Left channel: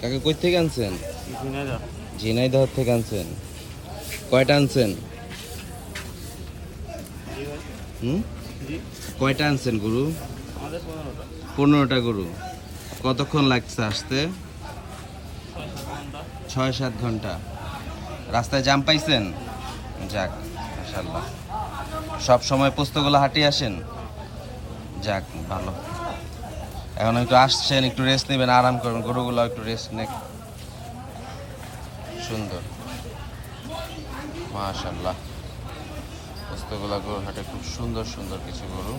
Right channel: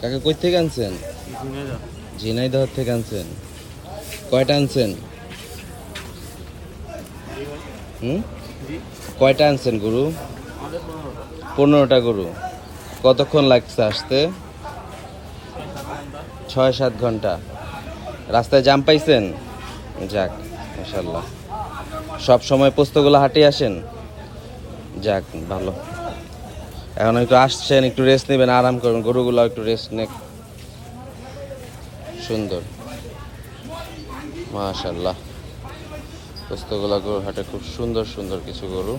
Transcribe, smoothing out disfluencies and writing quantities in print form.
কাকা কই থেকে আনছেন? ঝিনাইদহ থেকে আনছেন। কয়টা আনছেন? কয়টা আনছেন গরু? 15টা গরু। কতক্ষণ লাগছে আসতে? 6-7 ঘন্টা। রাস্তায় জাম পাইছেন? যাক, মাশাআল্লাহ। সব সময় পোস্তগুলো হাটে আসেন? যাক, ভালো। এখন একটু আসছেন, একটু রেস্ট নেবেন, আরাম করুন, গরুগুলো একটু রেস্ট নে। সুন্দর, মাশাআল্লাহ। পোস্তগুলো গরুর হাটে খুব সুন্দর সুন্দর কিছু গরু।